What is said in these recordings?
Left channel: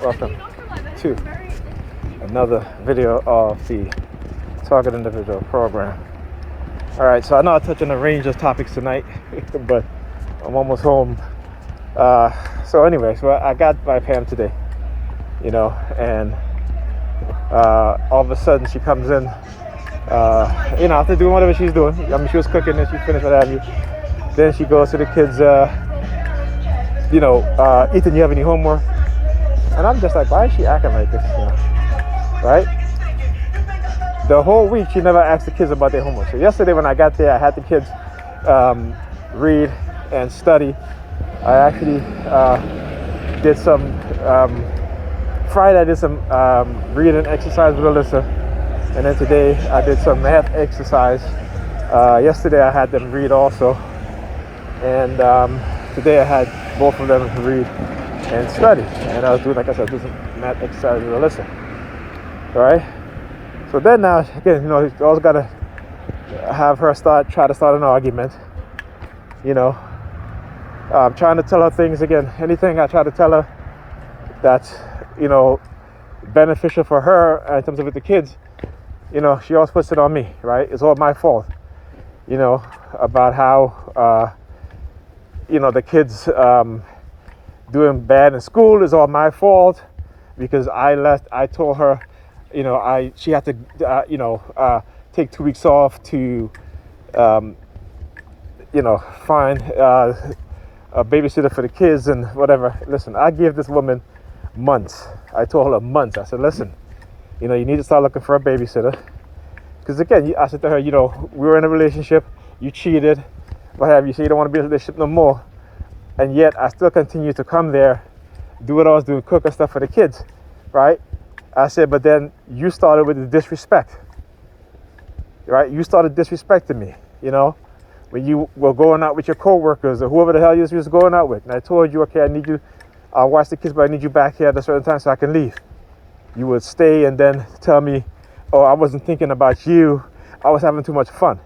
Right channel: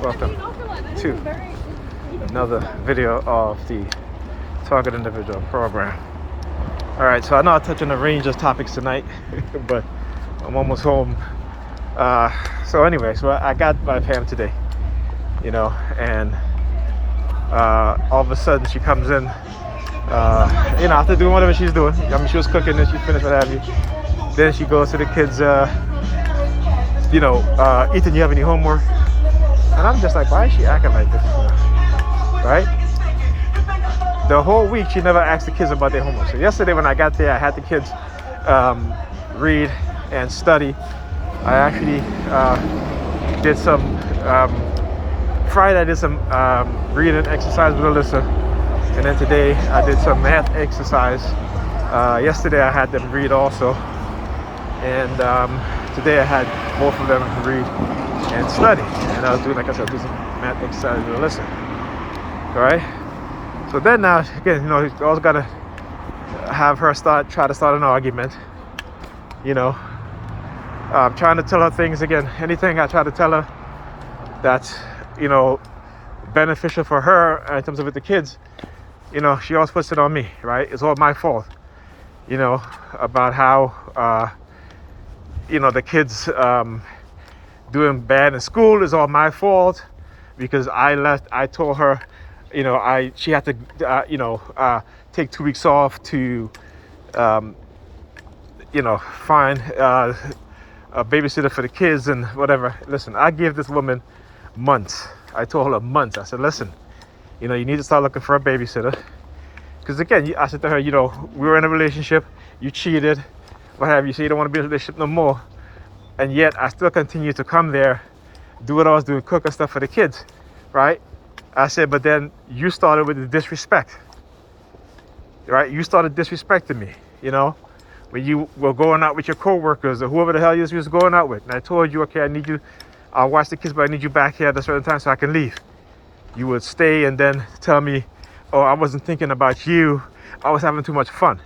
Welcome to another video of the Target Individual program. All right, so I know I touched on a range of topics tonight, but I'm almost home. So anyway, so I got my Pam today, and all of a sudden she comes in, after doing whatever she's doing. I mean, she was cooking and she finished, what have you. Then she goes to the kids, Ethan, you have any homework? And I'm just like, why is she acting like this? Right? The whole week, she never asked the kids about their homework. So yesterday when I got there, I had the kids read and study. I actually did some, Friday I did some reading exercise with Alyssa. And then today I did some math exercise. Yesterday I had them read also. And today I had both of them read and study. And I was doing, like I said, do some math exercise with Alyssa. All right? So then now, again, you always got to have her try to start an argument. I'm trying to tell her things again. Anything I try to tell her that's, beneficial for her in terms of with the kids, she always puts it on me, right? It's all my fault, about how, the kids doing bad in school is all my fault because I told her, she had to, take 2 weeks off to, find a babysitter for the kids and whatever. Listen, I gave this woman months. I told her months. I said, listen, you need to start looking for a babysitter. Because again, I said to her, we were in a relationship, you cheated, what have you, so you don't want to be in a relationship no more. And yet I still continue to come there, do what I was doing, cook and stuff for the kids, right? I said, but then you started with the disrespect, right? You started disrespecting me, when you were going out with your coworkers or whoever the hell you was going out with. And I told you, okay, I need you, I'll watch the kids, but I need you back here at a certain time so I can leave. You would stay and then tell me, oh, I wasn't thinking about you. I was having too much fun.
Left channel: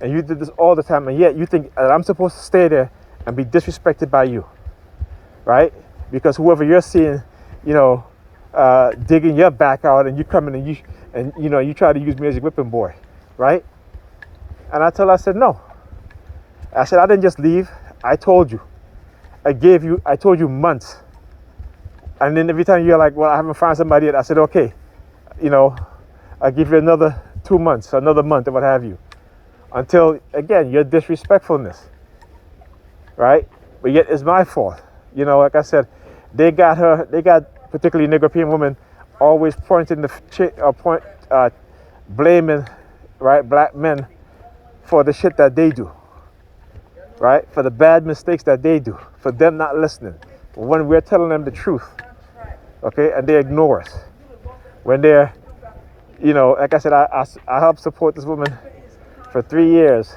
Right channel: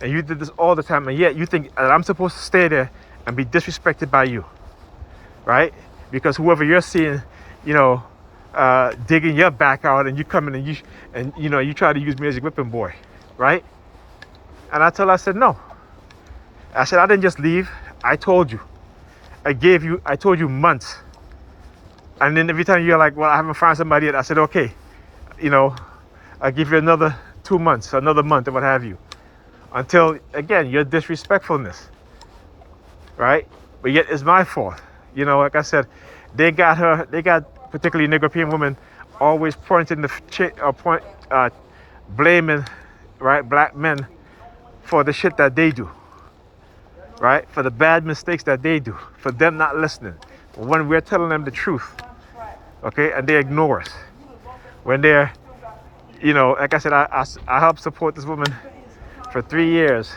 And you did this all the time. And yet you think that I'm supposed to stay there and be disrespected by you, right? Because whoever you're seeing, digging your back out and you come in and you try to use me as a whipping boy, right? And I said, no. I said, I didn't just leave. I told you. I told you months. And then every time you're like, well, I haven't found somebody yet. I said, okay, I'll give you another 2 months, another month, or what have you. Until, again, your disrespectfulness, right? But yet it's my fault. Like I said, they got particularly Negro women always pointing blaming, right, black men for the shit that they do, right? For the bad mistakes that they do, for them not listening. When we're telling them the truth, okay, and they ignore us. When they're, like I said, I helped support this woman for 3 years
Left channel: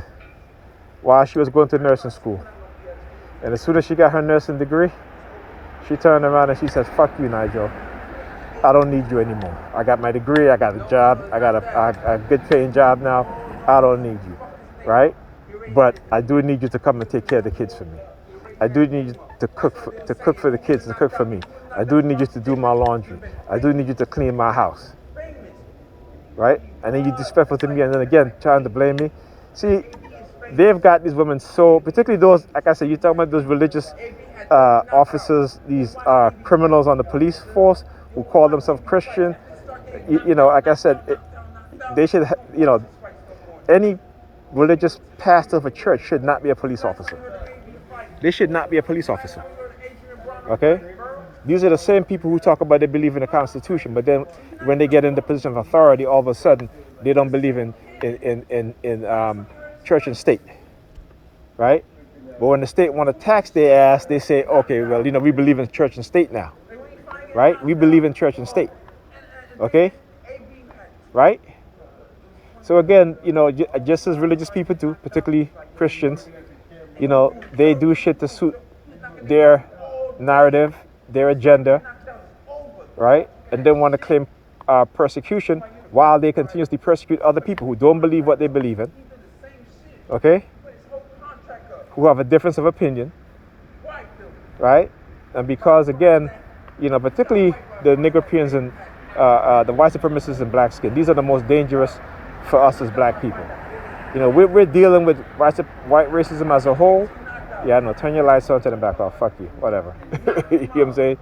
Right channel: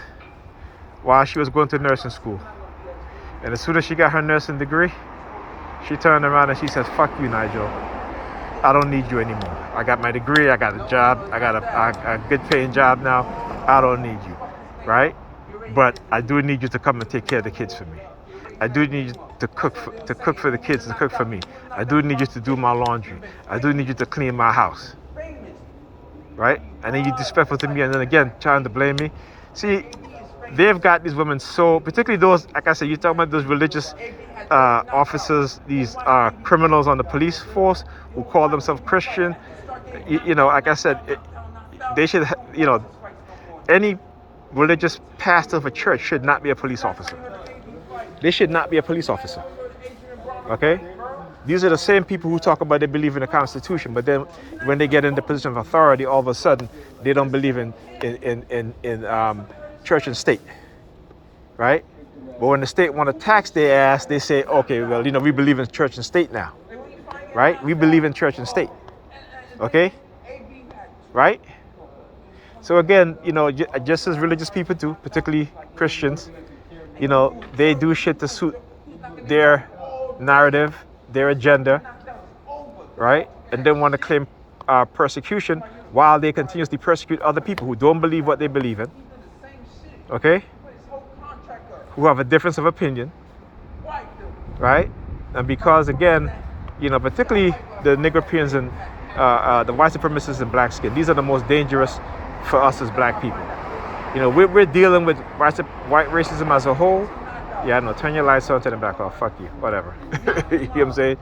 while she was going to nursing school. And as soon as she got her nursing degree, she turned around and she says, fuck you, Nigel. I don't need you anymore. I got my degree, I got a job, I got a good paying job now. I don't need you, right? But I do need you to come and take care of the kids for me. I do need you to cook for the kids and cook for me. I do need you to do my laundry. I do need you to clean my house, right? And then you're disrespectful to me and then again trying to blame me. See, they've got these women so, particularly those, like I said, you're talking about those religious officers, these criminals on the police force who call themselves Christian. Like I said, they should, any religious pastor of a church should not be a police officer. They should not be a police officer. Okay? These are the same people who talk about they believe in the Constitution, but then when they get in the position of authority, all of a sudden they don't believe in church and state, right? But when the state want to tax their ass, they say, okay, well, we believe in church and state now, right? We believe in church and state, okay? Right? So again, just as religious people do, particularly Christians, they do shit to suit their narrative, their agenda, right? And then want to claim persecution while they continuously persecute other people who don't believe what they believe in, okay? Who have a difference of opinion, right? And because, again, particularly the Negropeans and the white supremacists and black skin. These are the most dangerous for us as black people. We're dealing with white racism as a whole. Yeah, I know. Turn your lights on, turn them back off. Fuck you. Whatever. You know what I'm saying?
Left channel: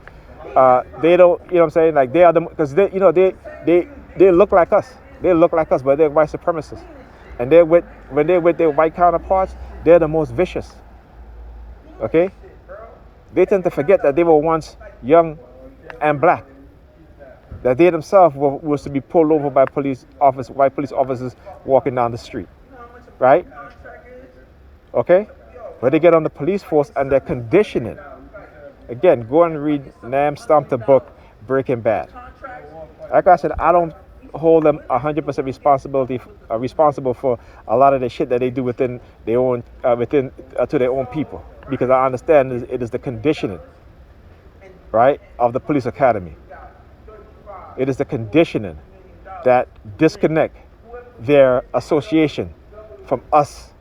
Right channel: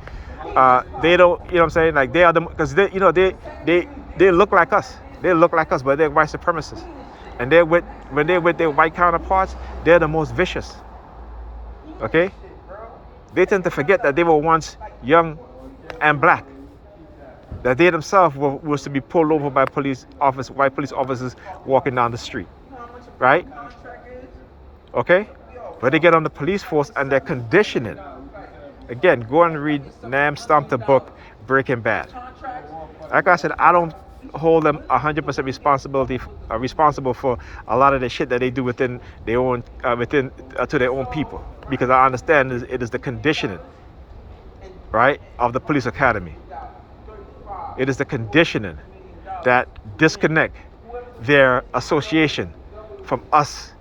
They don't. You know what I'm saying? Like they are the because they look like us. They look like us, but they're white supremacists. And when they're with their white counterparts, they're the most vicious. Okay? They tend to forget that they were once young and black. That they themselves was to be pulled over by white police officers walking down the street. Right? Okay? But they get on the police force and they're conditioning. Again, go and read Nam Stomp book, Breaking Bad. Like I said, I don't hold them 100% responsible for a lot of the shit that they do within their own to their own people, because I understand it is the conditioning, right, of the police academy. It is the conditioning that disconnect their association from us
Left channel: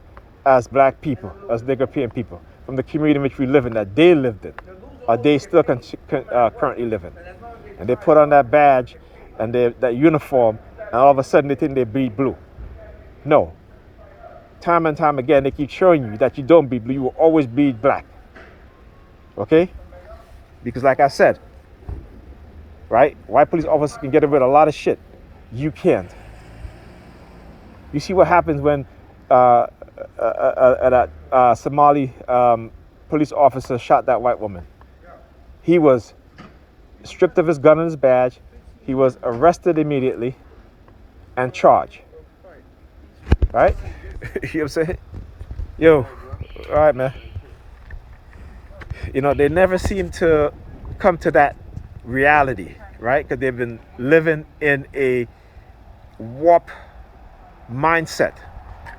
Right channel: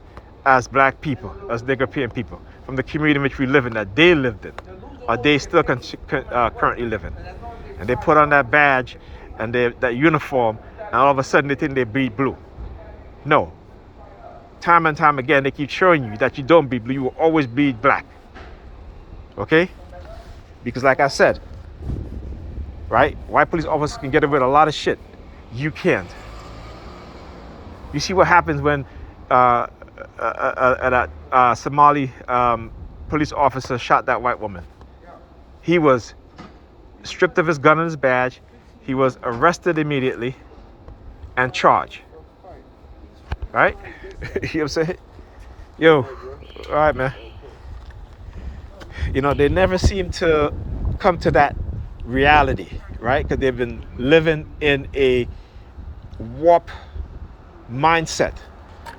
as black people, as Negropean people, from the community in which we live in, that they lived in, or they still currently live in. And they put on that badge and that uniform, and all of a sudden they think they bleed blue. No. Time and time again, they keep showing you that you don't bleed blue, you will always bleed black. Okay? Because like I said, right, white police officers can get away with a lot of shit. You can't. You see what happens when a Somali police officer shot that white woman. He was stripped of his gun and his badge. He was arrested immediately and charged. Right? You know what I'm saying? Yo, all right, man. They never seem to come to that reality, right? Because they've been living in a warped mindset,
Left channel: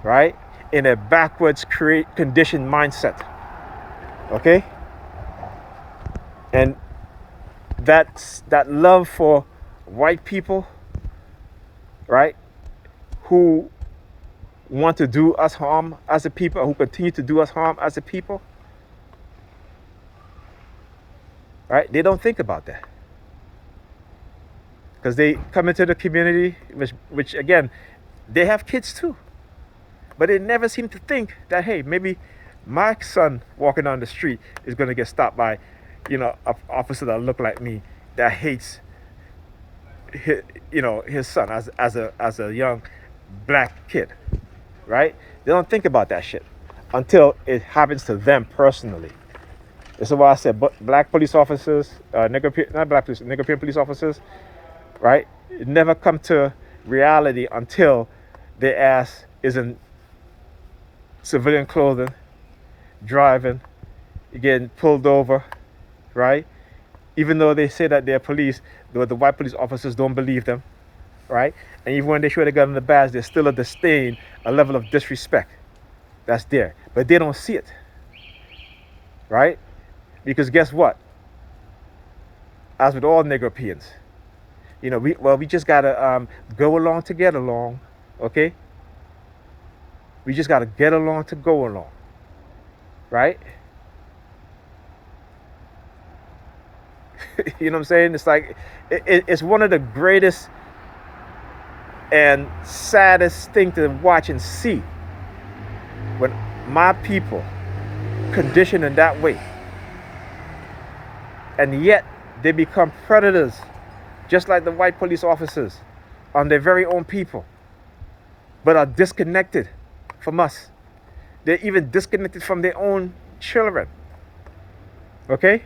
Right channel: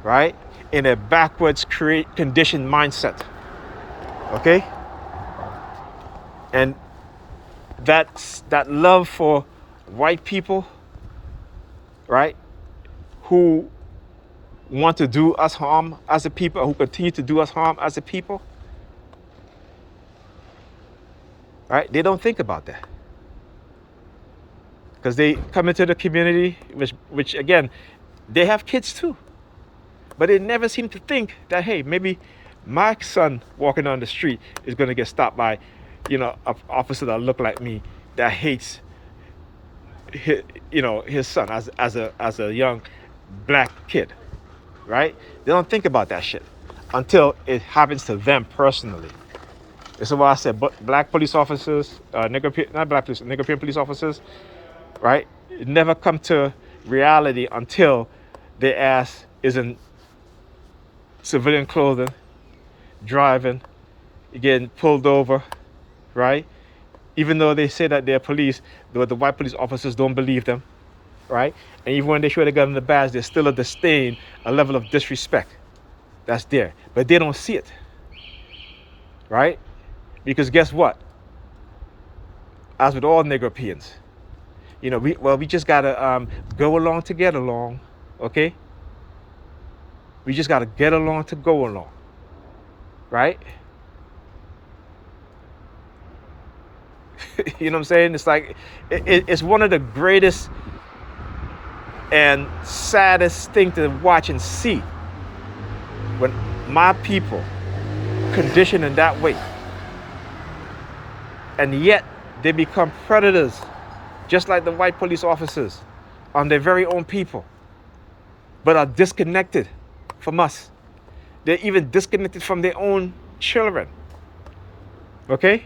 right? In a backwards conditioned mindset. Okay? And that love for white people, right, who want to do us harm as a people, who continue to do us harm as a people, right? They don't think about that. Because they come into the community, which again, they have kids too. But they never seem to think that, hey, maybe my son walking down the street is going to get stopped by, an officer that look like me, that hates his son as a young black kid, right? They don't think about that shit until it happens to them personally. This is why I said black police officers, Negropean police officers, right? It never come to reality until their ass is in civilian clothing, driving, getting pulled over, right? Even though they say that they're police, the white police officers don't believe them, right? And even when they show the gun in the badge, there's still a disdain, a level of disrespect that's there. But they don't see it, right? Because guess what? As with all Negropeans, we just gotta go along to get along, okay? We just gotta get along to go along, right? You know what I'm saying? It's like, it's one of the greatest and saddest thing to watch and see when my people condition in that way. And yet they become predators, just like the white police officers, on their very own people, but are disconnected from us. They're even disconnected from their own children. Okay?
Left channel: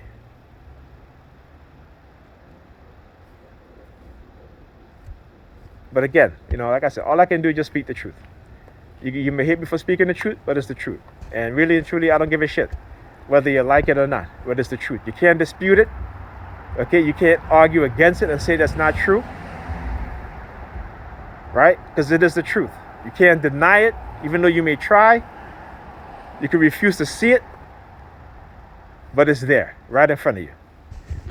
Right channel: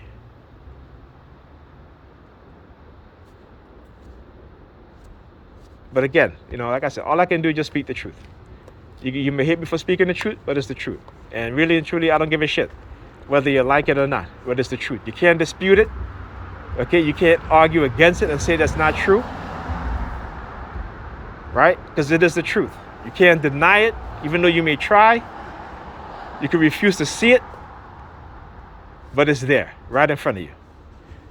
But again, like I said, all I can do is just speak the truth. You may hate me for speaking the truth, but it's the truth. And really and truly, I don't give a shit whether you like it or not, but it's the truth. You can't dispute it. Okay? You can't argue against it and say that's not true. Right? Because it is the truth. You can't deny it, even though you may try. You can refuse to see it, but it's there, right in front of you.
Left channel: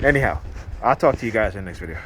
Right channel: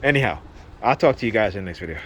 Anyhow, I'll talk to you guys in the next video.